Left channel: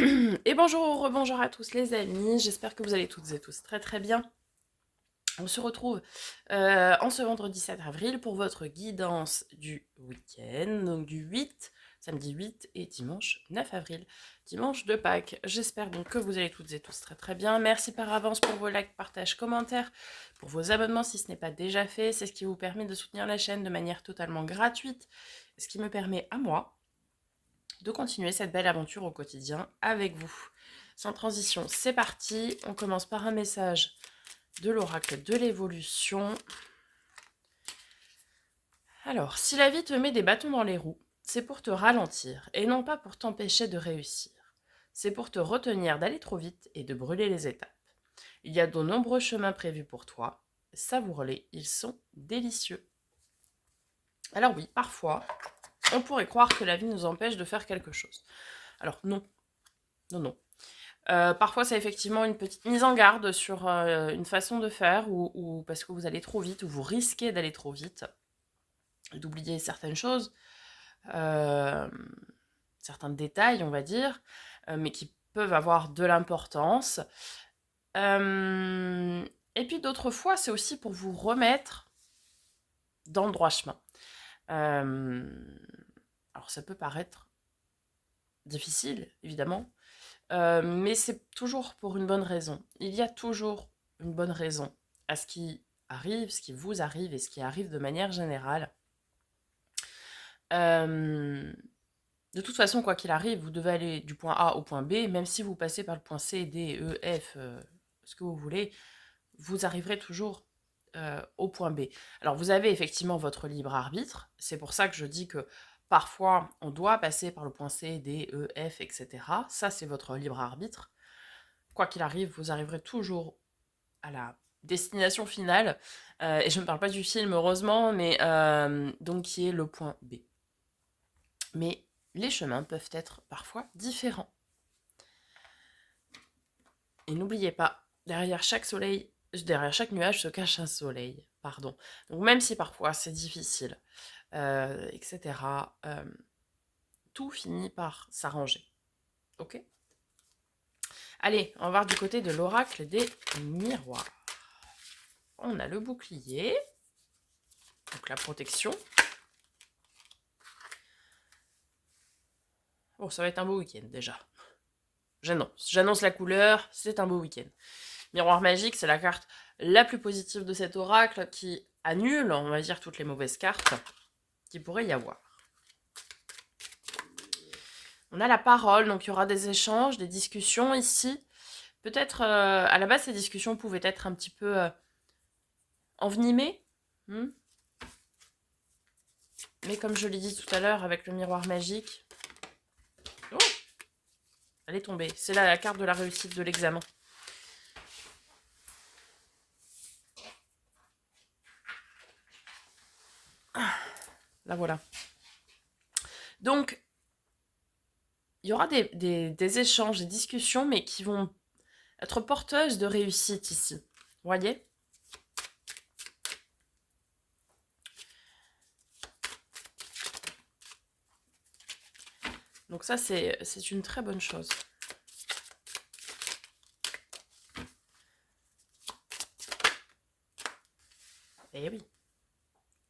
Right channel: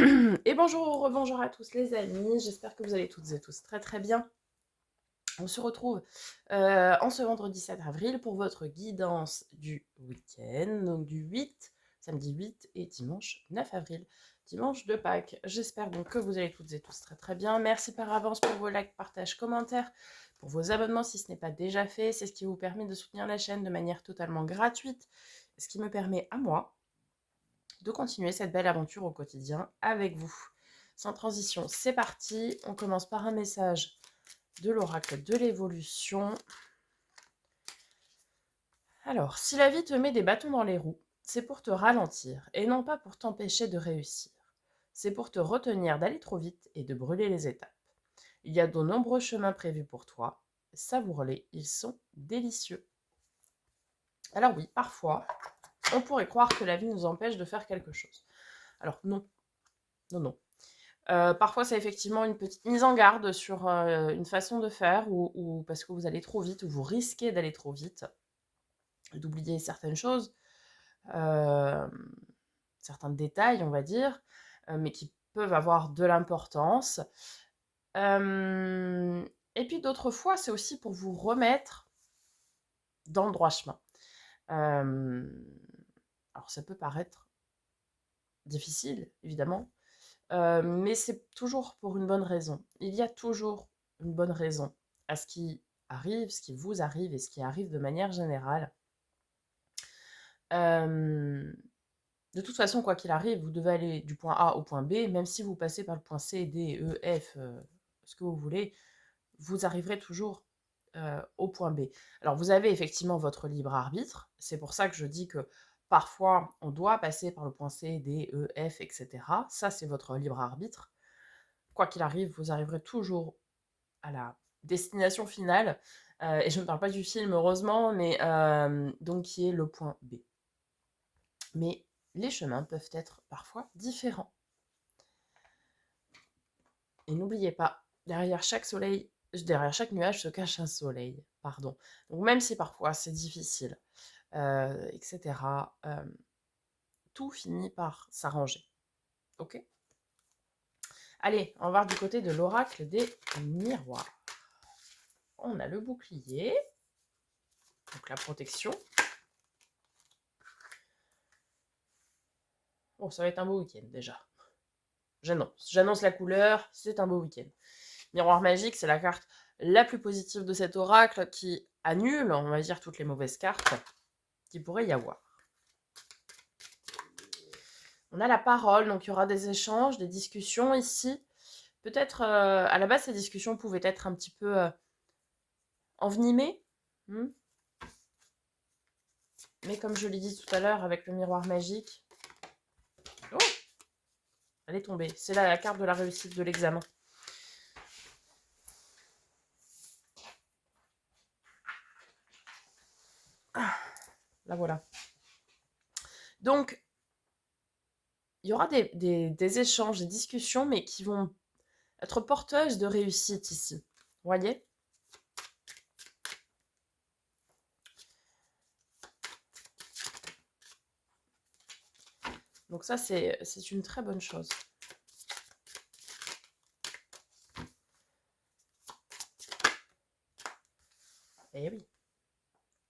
Et bonjour, rebonjour à tous les amis, j'espère que vous allez toutes et tous très très bien. On se retrouve en ce vendredi 7 avril pour votre guidance du week-end, donc du 8, samedi 8 et dimanche 9 avril, dimanche de Pâques. J'espère donc que vous allez toutes et tous très très bien. Merci par avance pour vos likes, partages, commentaires, pour vos abonnements si ce n'est pas déjà fait. C'est ce qui vous permet de soutenir la chaîne de manière totalement gratuite, ce qui me permet à moi de continuer cette belle aventure au quotidien avec vous. Sans transition, c'est parti. On commence par un message de l'oracle de l'évolution. Alors, si la vie te met des bâtons dans les roues, c'est pour te ralentir et non pas pour t'empêcher de réussir. C'est pour te retenir d'aller trop vite et de brûler les étapes. Il y a de nombreux chemins prévus pour toi. Savoure-les, ils sont délicieux. Alors oui, parfois, on pourrait croire que la vie nous empêche de faire quelque chose. Alors non, non, non. Parfois, c'est effectivement une petite mise en garde sur une façon de faire ou parce que vous allez trop vite ou vous risquez d'aller trop vite, d'oublier certaines choses, euh, certains détails, on va dire, mais qui peuvent avoir de l'importance. Euh, et puis d'autres fois, c'est aussi pour vous remettre dans le droit chemin. Euh, alors, ça peut paraître difficile, évidemment, mais c'est toujours pour une bonne raison. Il y a toujours une bonne raison à ce qui arrive, ce qui vous arrive et ce qui arrive de manière générale. Euh, de toute façon, quoi qu'il arrive, vous devez aller du point A au point B, même si vous passez par le point C, D, E, F, ce que vous voulez, vous arriverez toujours au point B. Alors, vous avez effectivement votre libre arbitre. C'est pour ça que je dis que parfois, on doit passer par le point C, D, E, F, etc. Ça, c'est votre libre arbitre. Quoi qu'il arrive, vous arriverez toujours à la destination finale. Et je ne parle pas du film, heureusement, mais donc qui est le point B. Mais les chemins peuvent être parfois différents. Et n'oubliez pas, derrière chaque nuage se cache un soleil. Pardon. Donc même si parfois c'est difficile, etc., tout finit par s'arranger. Ok. Allez, on va voir du côté de l'oracle des miroirs. On a le bouclier, donc la protection. Bon, ça va être un beau week-end déjà. J'annonce la couleur, c'est un beau week-end. Miroir magique, c'est la carte la plus positive de cet oracle qui annule, on va dire, toutes les mauvaises cartes qu'il pourrait y avoir. On a la parole, donc il y aura des échanges, des discussions ici. Peut-être, à la base, ces discussions pouvaient être un petit peu envenimées. Mais comme je l'ai dit tout à l'heure avec le miroir magique... Oh, elle est tombée. C'est la carte de la réussite de l'examen. La voilà. Donc, il y aura des échanges, des discussions, mais qui vont être porteuses de réussite ici. Vous voyez? Donc ça, c'est une très bonne chose. Eh oui.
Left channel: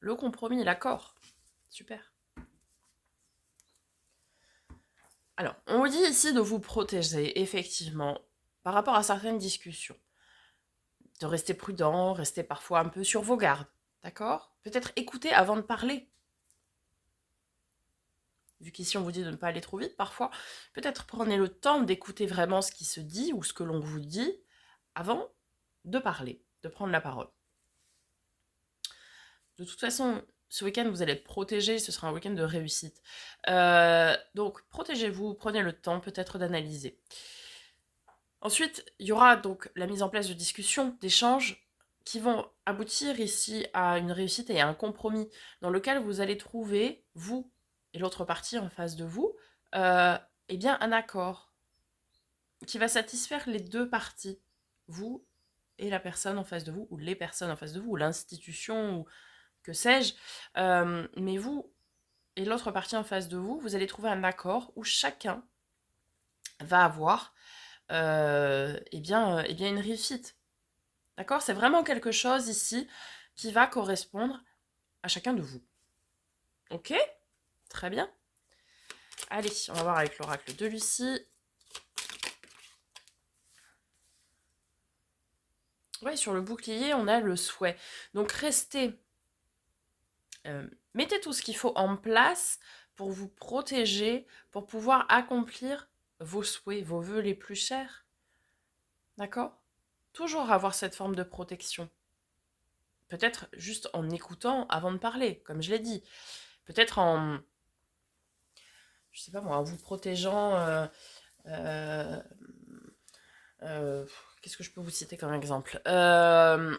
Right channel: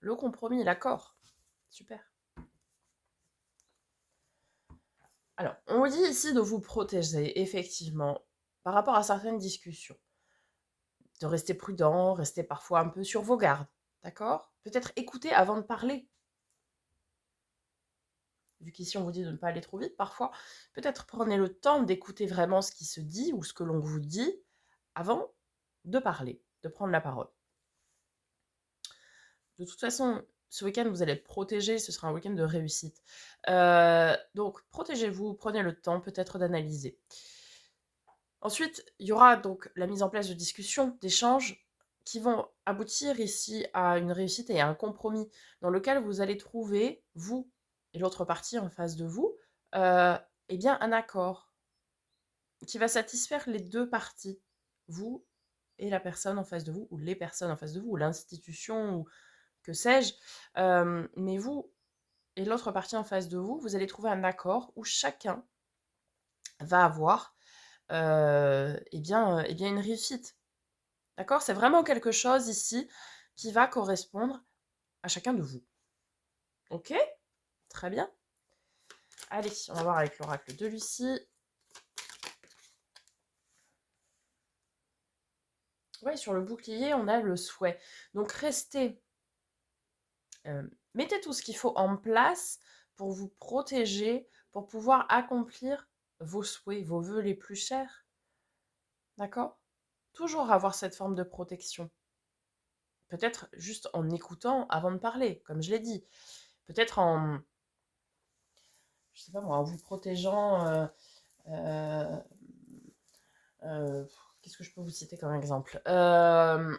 Le compromis, l'accord. Super. Alors, on vous dit ici de vous protéger, effectivement, par rapport à certaines discussions. De rester prudent, rester parfois un peu sur vos gardes. D'accord? Peut-être écouter avant de parler. Vu qu'ici on vous dit de ne pas aller trop vite, parfois, peut-être prenez le temps d'écouter vraiment ce qui se dit ou ce que l'on vous dit avant de parler, de prendre la parole. De toute façon, ce week-end, vous allez être protégé, ce sera un week-end de réussite. Donc, protégez-vous, prenez le temps peut-être d'analyser. Ensuite, il y aura donc la mise en place de discussions, d'échanges qui vont aboutir ici à une réussite et à un compromis dans lequel vous allez trouver, vous et l'autre partie en face de vous, eh bien un accord qui va satisfaire les deux parties, vous et la personne en face de vous, ou les personnes en face de vous, ou l'institution, ou que sais-je. Mais vous et l'autre partie en face de vous, vous allez trouver un accord où chacun va avoir eh bien une réussite. D'accord? C'est vraiment quelque chose ici qui va correspondre à chacun de vous. Ok? Très bien. Allez, on va voir avec l'oracle de Lucie. Oui, sur le bouclier, on a le souhait. Donc restez, mettez tout ce qu'il faut en place pour vous protéger, pour pouvoir accomplir vos souhaits, vos vœux les plus chers. D'accord? Toujours avoir cette forme de protection. Peut-être juste en écoutant avant de parler, comme je l'ai dit. Peut-être en, je sais pas moi, en vous protégeant. Euh, euh, Qu'est-ce que je peux vous citer comme exemple? Je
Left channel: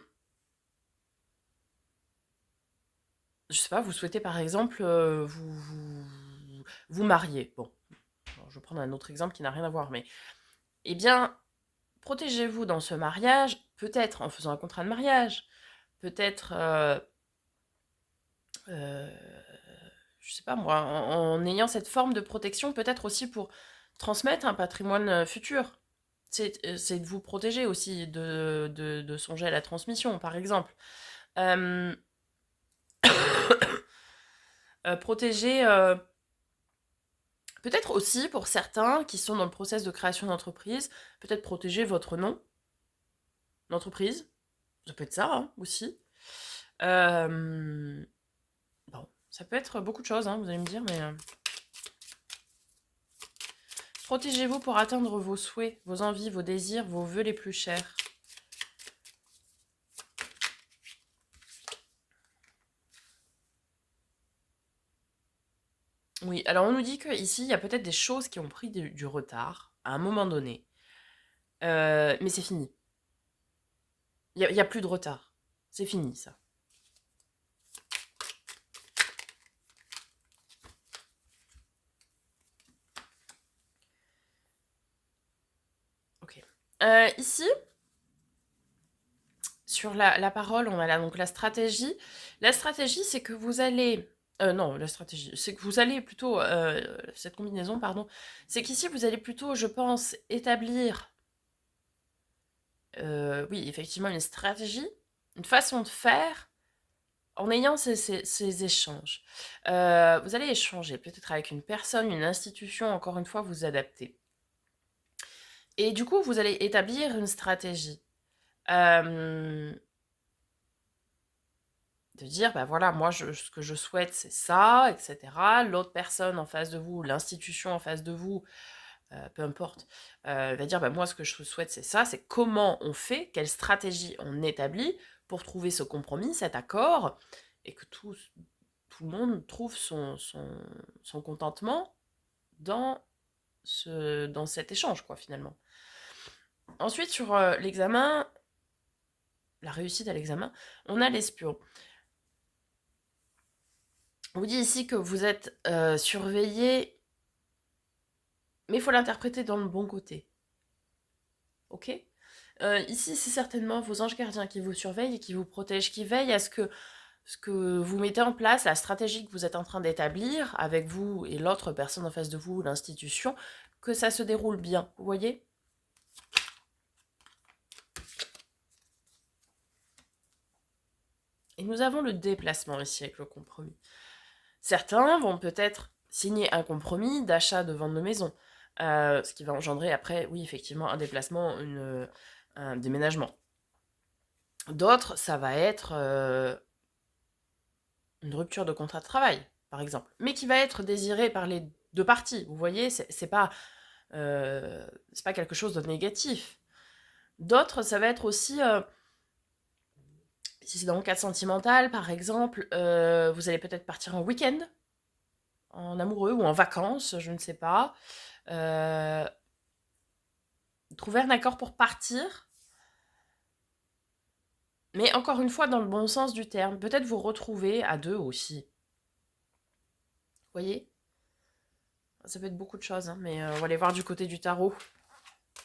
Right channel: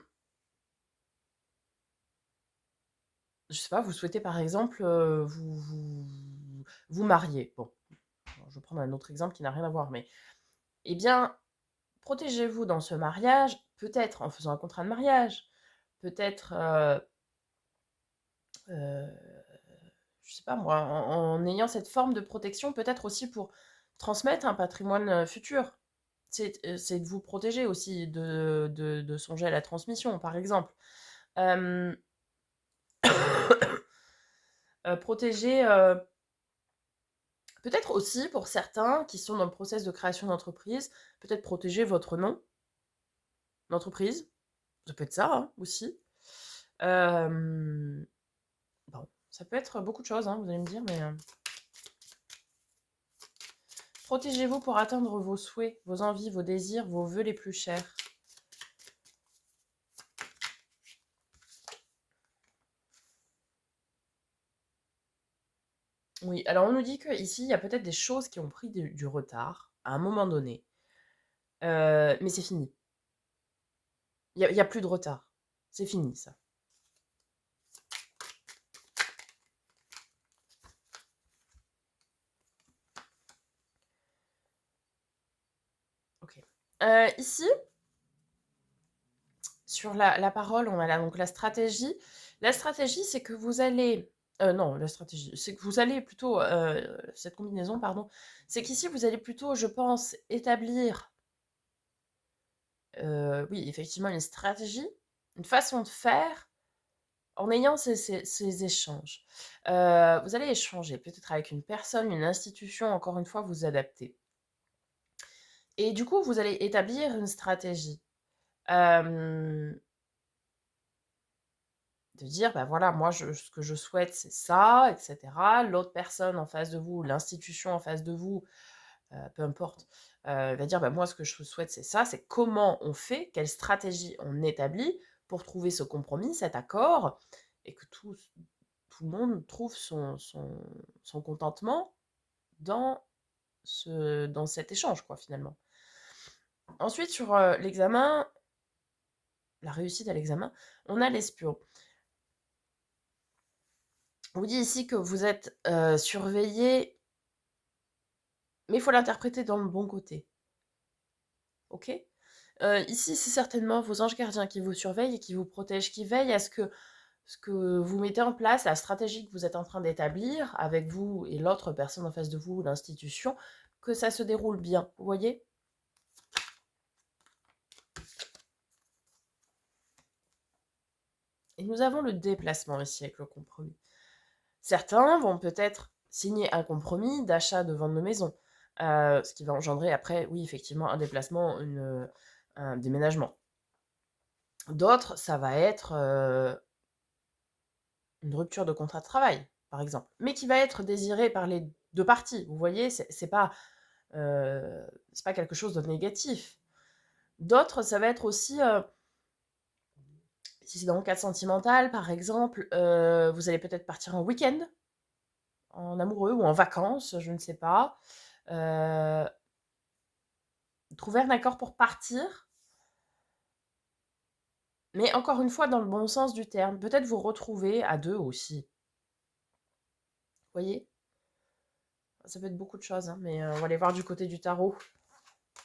sais pas, vous souhaitez par exemple vous marier. Bon, je vais prendre un autre exemple qui n'a rien à voir, mais eh bien, protégez-vous dans ce mariage, peut-être en faisant un contrat de mariage, peut-être, euh, je sais pas moi, en ayant cette forme de protection, peut-être aussi pour transmettre un patrimoine futur. C'est de vous protéger aussi, de songer à la transmission, par exemple. Euh, Protéger, peut-être aussi pour certains qui sont dans le process de création d'entreprise, peut-être protéger votre nom d'entreprise. Ça peut être ça hein, aussi. Euh, bon, ça peut être beaucoup de choses, hein, vous allez me dire, mais protégez-vous pour atteindre vos souhaits, vos envies, vos désirs, vos vœux les plus chers. Oui, alors on nous dit qu'ici, il y a peut-être des choses qui ont pris du retard à un moment donné. Mais c'est fini. Il y a plus de retard. C'est fini, ça. Ok. Ici, sur la parole, on a là donc la stratégie. La stratégie, c'est que vous allez... non, la stratégie, c'est que vous allez plutôt... cette combinaison, pardon. C'est qu'ici, vous allez plutôt, je pense, établir... oui, effectivement, une stratégie, une façon de faire en ayant ces échanges. Vous allez échanger peut-être avec une personne, une institution, encore une fois, vous adaptez. Et du coup, vous allez établir une stratégie. De dire, bah voilà, moi, ce que je souhaite, c'est ça, etc. L'autre personne en face de vous, l'institution en face de vous, peu importe, va dire, bah moi, ce que je souhaite, c'est ça, c'est comment on fait, quelle stratégie on établit pour trouver ce compromis, cet accord, et que tout le monde trouve son contentement dans, dans cet échange, quoi, finalement. Ensuite, sur l'examen, la réussite à l'examen, on a l'espion. On vous dit ici que vous êtes surveillé, mais il faut l'interpréter dans le bon côté. Ok? Ici, c'est certainement vos anges gardiens qui vous surveillent et qui vous protègent, qui veillent à ce que vous mettez en place, la stratégie que vous êtes en train d'établir avec vous et l'autre personne en face de vous, l'institution, que ça se déroule bien. Vous voyez? Et nous avons le déplacement ici avec le compromis. Certains vont peut-être signer un compromis d'achat de vente de maison, ce qui va engendrer après, oui, effectivement, un déplacement, un déménagement. D'autres, ça va être une rupture de contrat de travail, par exemple, mais qui va être désirée par les deux parties. Vous voyez, c'est pas quelque chose de négatif. D'autres, ça va être aussi, si c'est dans le cadre sentimental, par exemple, vous allez peut-être partir en week-end, en amoureux ou en vacances, je ne sais pas. Trouver un accord pour partir, mais encore une fois, dans le bon sens du terme. Peut-être vous retrouver à deux aussi. Vous voyez? Ça peut être beaucoup de choses, hein, mais on va aller voir du côté du tarot,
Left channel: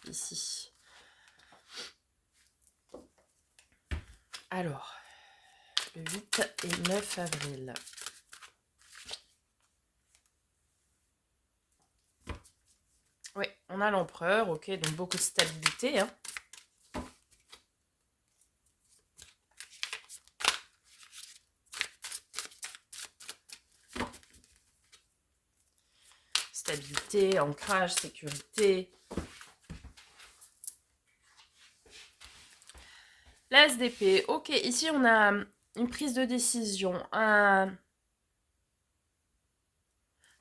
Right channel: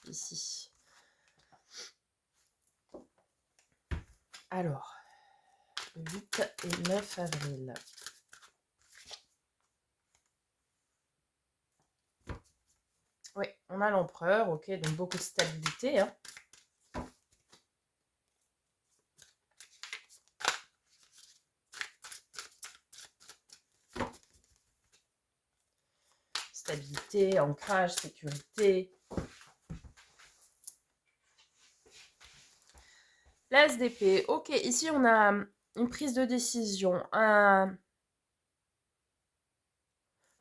ici. Alors, le 8 et 9 avril. Oui, on a l'empereur, ok, donc beaucoup de stabilité, hein. Stabilité, ancrage, sécurité. L'as d'épée, ok, ici on a une prise de décision,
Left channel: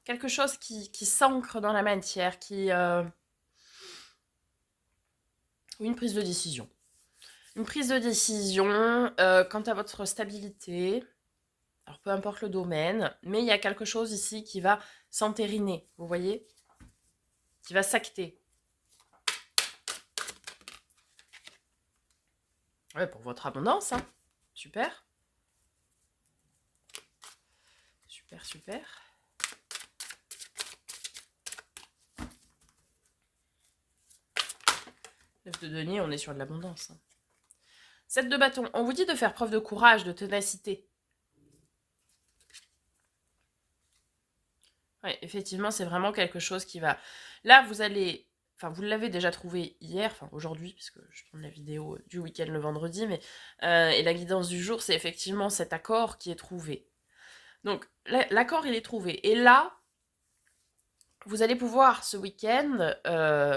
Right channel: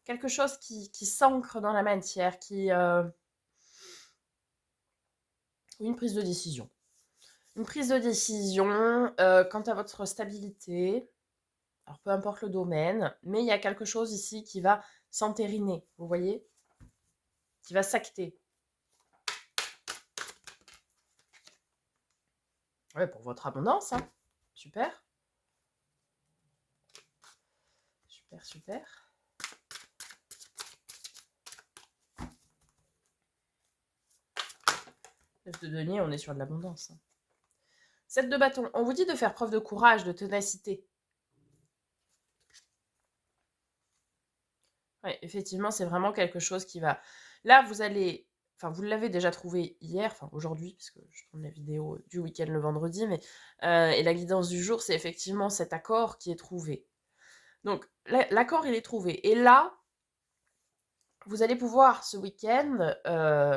quelque chose qui s'ancre dans la matière, ou une prise de décision. Une prise de décision quant à votre stabilité, alors peu importe le domaine, mais il y a quelque chose ici qui va s'entériner, vous voyez, qui va s'acter. Ouais, pour votre abondance, hein. Super. Super, super. 9 de denier, on est sur de l'abondance, hein. 7 de bâton, on vous dit de faire preuve de courage, de ténacité. Ouais, effectivement, c'est vraiment quelque chose qui va... Là, vous allez... Enfin, vous l'avez déjà trouvé hier, enfin aujourd'hui, puisque je tourne la vidéo du week-end le vendredi, mais... et la guidance du jour, c'est effectivement cet accord qui est trouvé. Donc, l'accord, il est trouvé. Et là, vous allez pouvoir, ce week-end,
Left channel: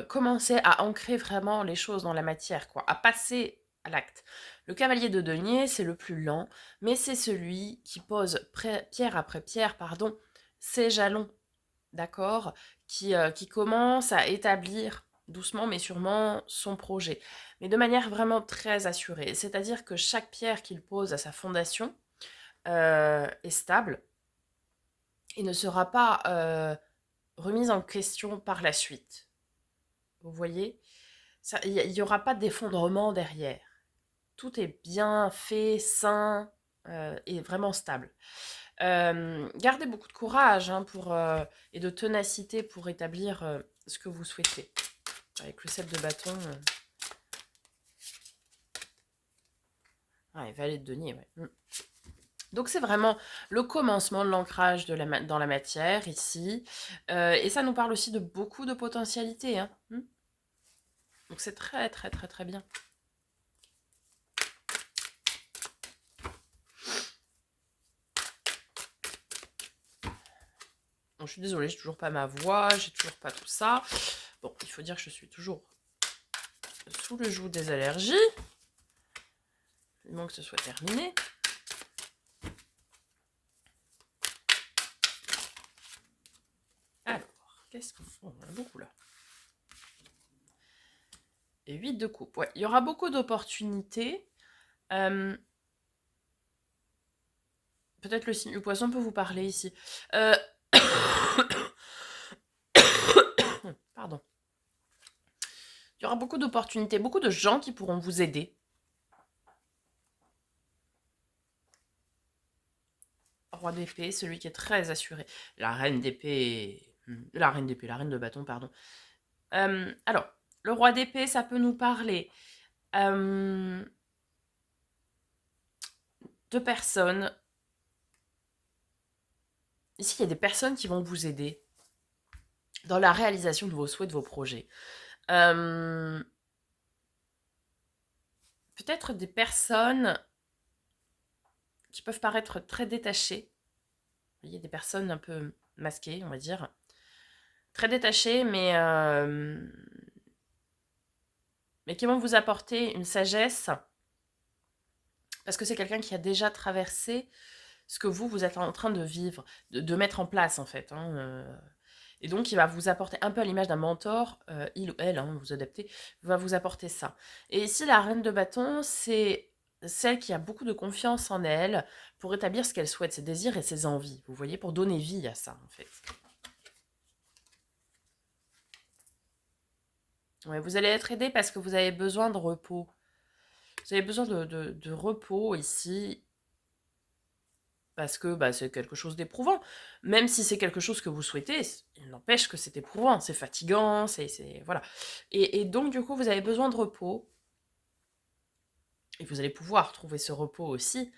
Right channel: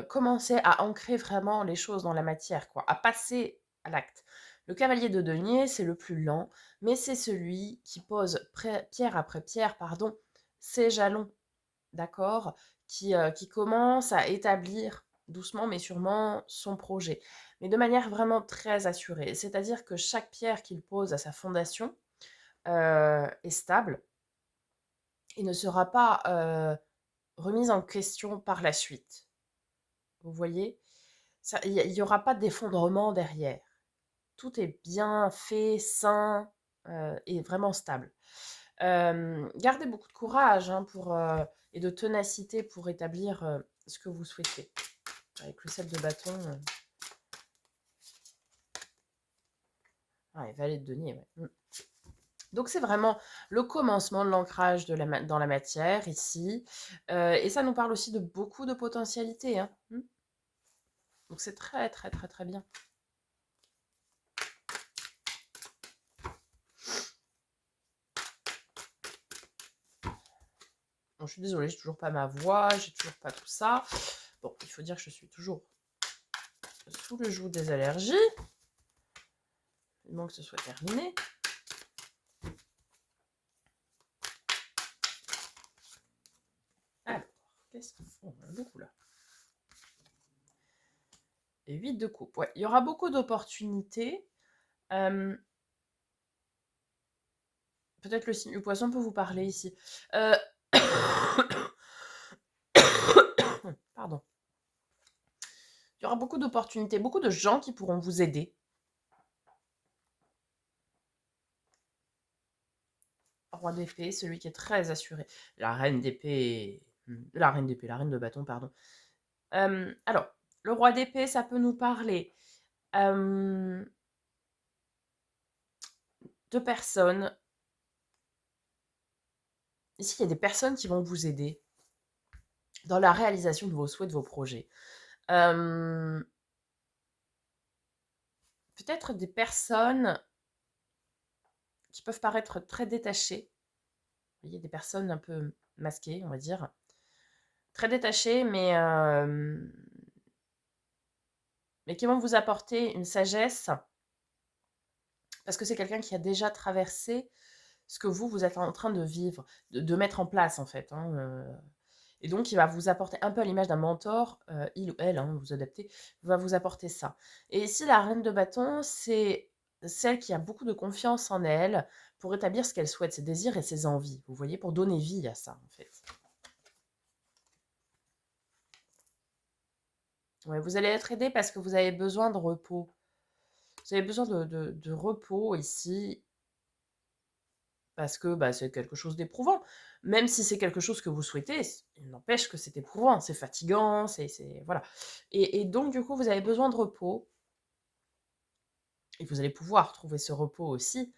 commencer à ancrer vraiment les choses dans la matière, quoi, à passer à l'acte. Le cavalier de denier, c'est le plus lent, mais c'est celui qui pose pierre après pierre, pardon, ses jalons, d'accord, qui commence à établir doucement mais sûrement son projet, mais de manière vraiment très assurée. C'est-à-dire que chaque pierre qu'il pose à sa fondation est stable et ne sera pas remise en question par la suite. Vous voyez, il n'y aura pas d'effondrement derrière. Tout est bien fait, sain et vraiment stable. Gardez beaucoup de courage hein, et de ténacité pour établir ce que vous souhaitez. Avec le 7 de bâton. Ouais, valet de denier, ouais. Donc c'est vraiment le commencement de l'ancrage dans la matière ici. Et ça nous parle aussi de beaucoup de potentialités. Hein. Donc c'est très très très très bien. Bon, je suis désolée, j'ai toujours pas ma voix, j'ai toujours pas tout ça. Bon, il faut dire que je suis toujours sous le joug des allergies. Il manque que ce soit terminé. Alors, qu'est-ce qu'on fait? On a beaucoup là. Et 8 de coupe. Ouais, il y aura beaucoup d'opportunités. Peut-être le signe du poisson peut vous parler ici. Pardon. Il y aura beaucoup d'opportunités, beaucoup de gens qui pourront vous aider. Roi d'épée, celui qui est très assuré. La reine d'épée... La reine d'épée, la reine de bâton, pardon. Alors, le roi d'épée, ça peut nous parler de personnes. Ici, il y a des personnes qui vont vous aider dans la réalisation de vos souhaits, de vos projets. Peut-être des personnes qui peuvent paraître très détachées. Vous voyez, des personnes un peu masquées, on va dire. Très détachées, mais qui vont vous apporter une sagesse. Parce que c'est quelqu'un qui a déjà traversé ce que vous êtes en train de vivre, de mettre en place, en fait. Hein, et donc, il va vous apporter, un peu à l'image d'un mentor, il ou elle, hein, vous adaptez, va vous apporter ça. Et ici, la reine de bâton, c'est celle qui a beaucoup de confiance en elle pour établir ce qu'elle souhaite, ses désirs et ses envies. Vous voyez, pour donner vie à ça, en fait. Ouais, vous allez être aidé parce que vous avez besoin de repos. Vous avez besoin de repos ici parce que bah, c'est quelque chose d'éprouvant. Même si c'est quelque chose que vous souhaitez, il n'empêche que c'est éprouvant, c'est fatigant, voilà. Et donc, du coup, vous avez besoin de repos. Et vous allez pouvoir trouver ce repos aussi.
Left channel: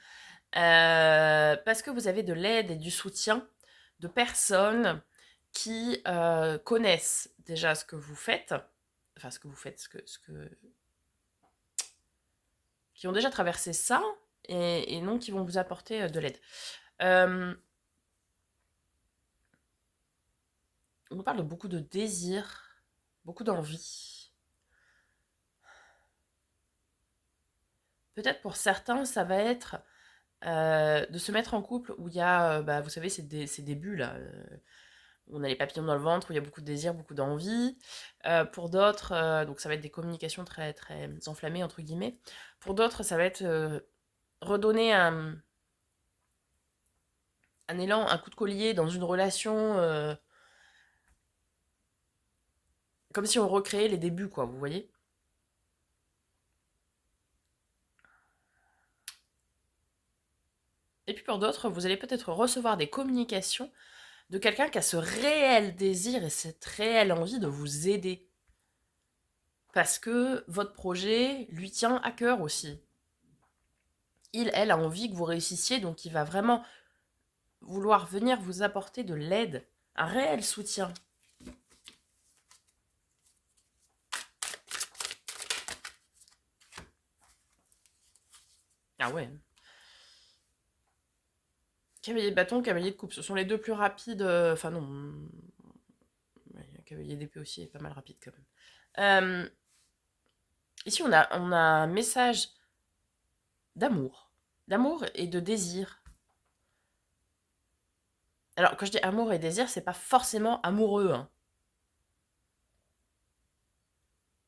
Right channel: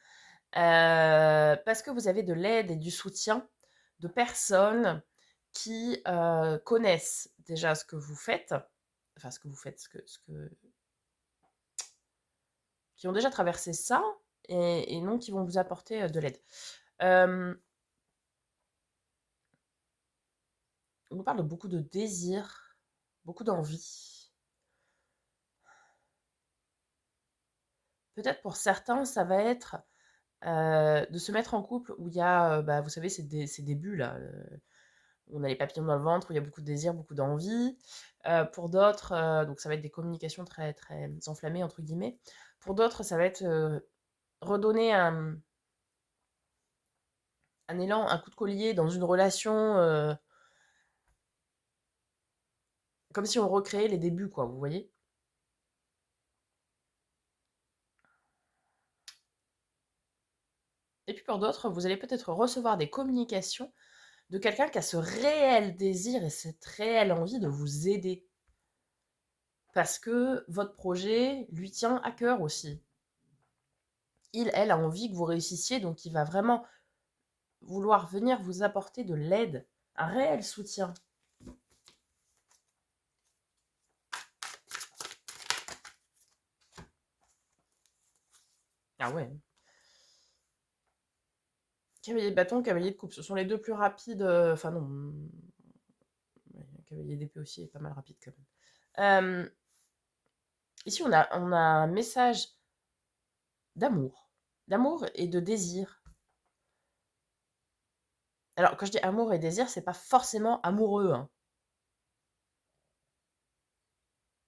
Parce que vous avez de l'aide et du soutien de personnes qui connaissent déjà ce que vous faites, enfin ce que vous faites, qui ont déjà traversé ça et non qui vont vous apporter de l'aide. On nous parle de beaucoup de désir, beaucoup d'envie. Peut-être pour certains, ça va être de se mettre en couple où il y a, vous savez, ces débuts là, où on a les papillons dans le ventre, où il y a beaucoup de désir, beaucoup d'envie. Pour d'autres, donc ça va être des communications très, très enflammées, entre guillemets. Pour d'autres, ça va être redonner un élan, un coup de collier dans une relation, comme si on recréait les débuts, quoi, vous voyez. Et puis pour d'autres, vous allez peut-être recevoir des communications de quelqu'un qui a ce réel désir et cette réelle envie de vous aider. Parce que votre projet lui tient à cœur aussi. Elle a envie que vous réussissiez, donc il va vraiment vouloir venir vous apporter de l'aide, un réel soutien. Ah ouais. Cavalier de bâton, cavalier de coupe, ce sont les deux plus rapides. Enfin non, ouais, cavalier d'épée aussi est pas mal rapide quand même. Ici, on a un message d'amour et de désir. Alors, quand je dis amour et désir, c'est pas forcément amoureux, hein.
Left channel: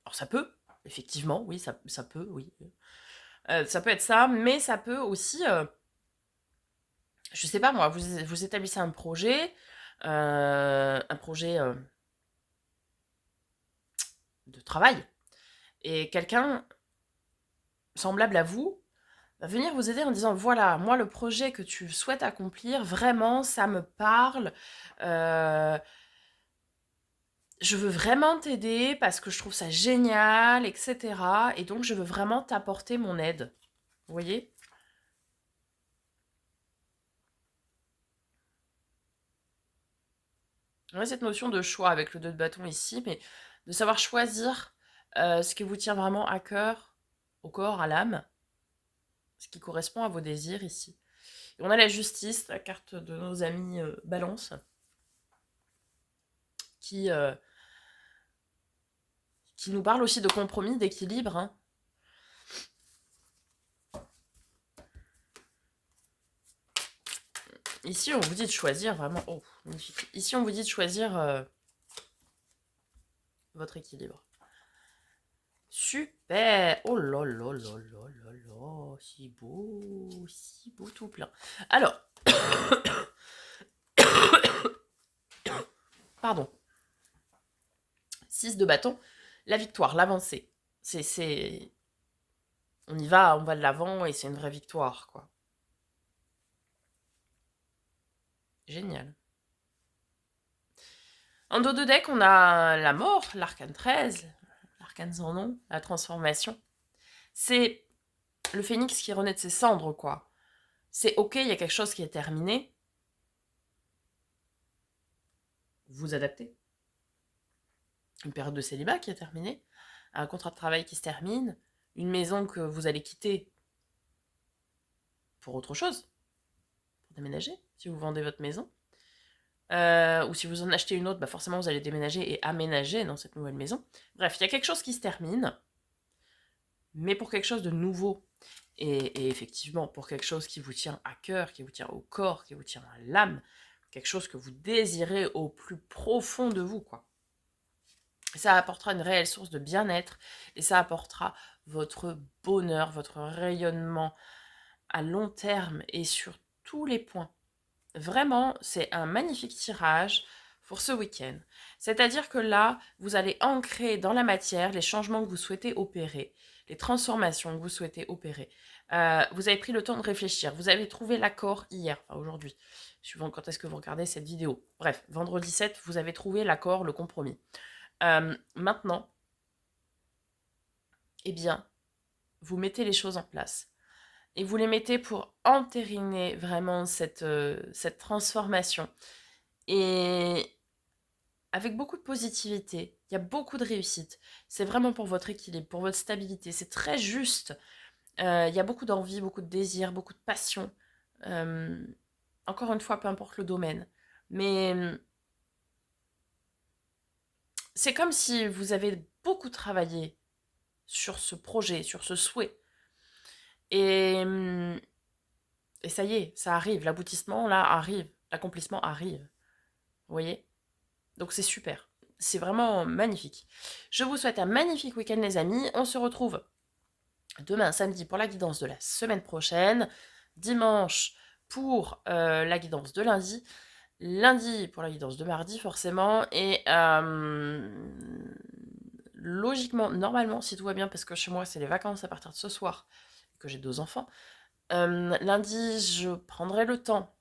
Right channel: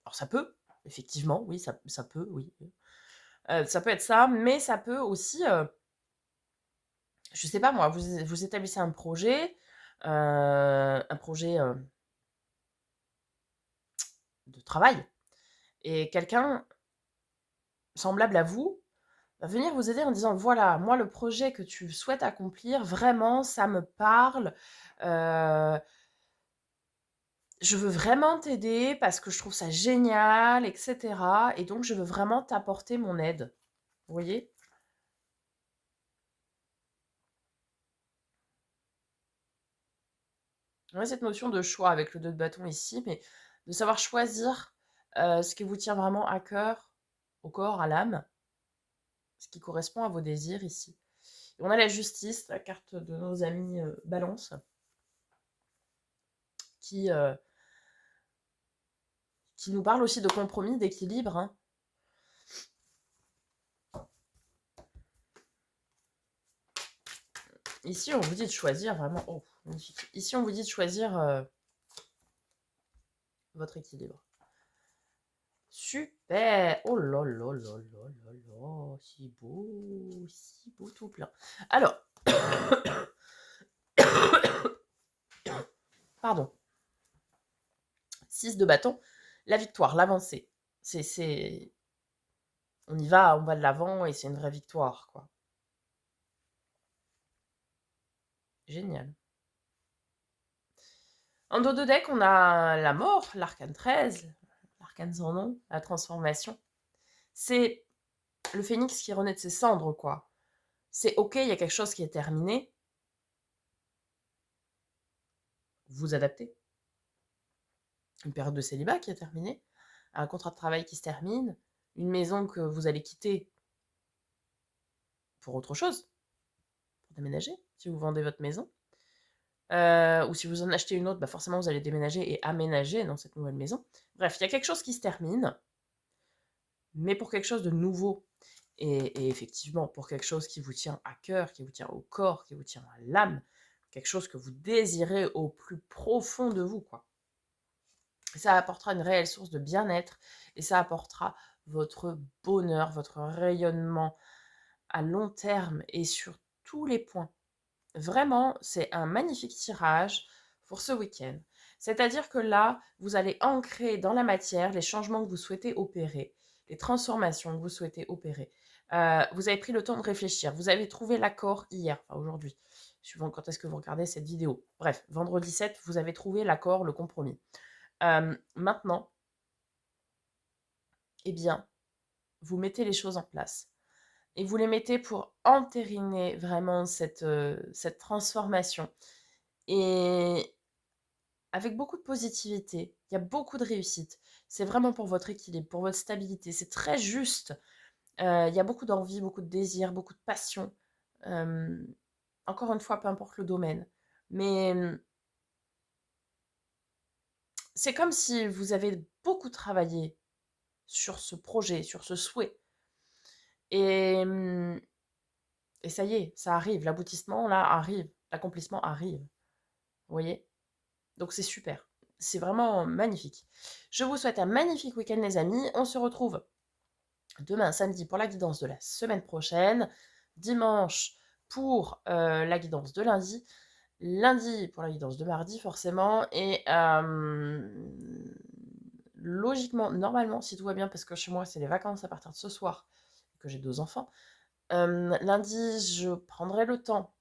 Alors, ça peut, effectivement, oui, ça peut, oui. Ça peut être ça, mais ça peut aussi, je sais pas moi, vous établissez un projet de travail, et quelqu'un semblable à vous va venir vous aider en disant voilà, moi le projet que tu souhaites accomplir, vraiment, ça me parle. euh, je veux vraiment t'aider parce que je trouve ça génial, etc. Et donc je veux vraiment t'apporter mon aide. Vous voyez? On a cette notion de choix avec le 2 de bâton ici, mais de savoir choisir ce qui vous tient vraiment à cœur, au corps, à l'âme, ce qui correspond à vos désirs ici. Et on a la justice, la carte de nos amis Balance, qui, euh, qui nous parle aussi de compromis, d'équilibre, hein. Ici, on vous dit de choisir vraiment. Oh, magnifique. Ici, on vous dit de choisir votre équilibre. Super! Oh là là là là là là, si beau tout plein. Alors, pardon. 6 de bâton, la victoire, l'avancée. C'est... On y va, on va de l'avant et c'est une vraie victoire, quoi. Génial. En dos de deck, on a la mort, l'arcane 13, l'arcane sans nom, la transformation. C'est le phénix qui renaît de ses cendres, quoi. C'est ok, il y a quelque chose qui est terminé. Vous adaptez. Une période de célibat qui est terminée, un contrat de travail qui se termine, une maison que vous allez quitter pour autre chose, pour déménager, si vous vendez votre maison. Ou si vous en achetez une autre, forcément vous allez déménager et aménager dans cette nouvelle maison. Bref, il y a quelque chose qui se termine, mais pour quelque chose de nouveau. Et effectivement, pour quelque chose qui vous tient à cœur, qui vous tient au corps, qui vous tient à l'âme, quelque chose que vous désirez au plus profond de vous, quoi. Ça apportera une réelle source de bien-être et ça apportera votre bonheur, votre rayonnement à long terme et sur tous les points. Vraiment, c'est un magnifique tirage pour ce week-end. C'est-à-dire que là, vous allez ancrer dans la matière les changements que vous souhaitez opérer, les transformations que vous souhaitez opérer. Vous avez pris le temps de réfléchir. Vous avez trouvé l'accord hier, enfin aujourd'hui, suivant quand est-ce que vous regardez cette vidéo. Bref, vendredi 7, vous avez trouvé l'accord, le compromis. Maintenant, eh bien, vous mettez les choses en place. Et vous les mettez pour entériner vraiment cette transformation. Et avec beaucoup de positivité. Il y a beaucoup de réussite. C'est vraiment pour votre équilibre, pour votre stabilité. C'est très juste. Il y a beaucoup d'envie, beaucoup de désir, beaucoup de passion. Euh, Encore une fois, peu importe le domaine. Mais c'est comme si vous avez beaucoup travaillé sur ce projet, sur ce souhait. Et, et ça y est, ça arrive. L'aboutissement, là, arrive. L'accomplissement arrive. Vous voyez? Donc c'est super. C'est vraiment magnifique. Je vous souhaite un magnifique week-end, les amis. On se retrouve demain, samedi, pour la guidance de la semaine prochaine. Dimanche, pour la guidance de lundi. Lundi, pour la guidance de mardi, forcément. Et logiquement, normalement, si tout va bien, parce que chez moi, c'est les vacances à partir de ce soir, que j'ai 2 enfants. Lundi, je prendrai le temps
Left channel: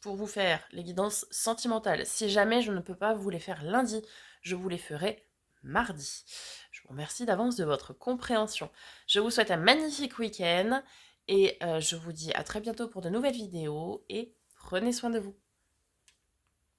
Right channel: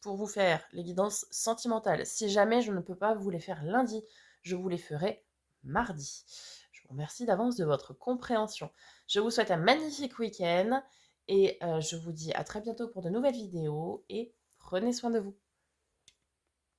pour vous faire les guidances sentimentales. Si jamais je ne peux pas vous les faire lundi, je vous les ferai mardi. Je vous remercie d'avance de votre compréhension. Je vous souhaite un magnifique week-end et je vous dis à très bientôt pour de nouvelles vidéos et prenez soin de vous.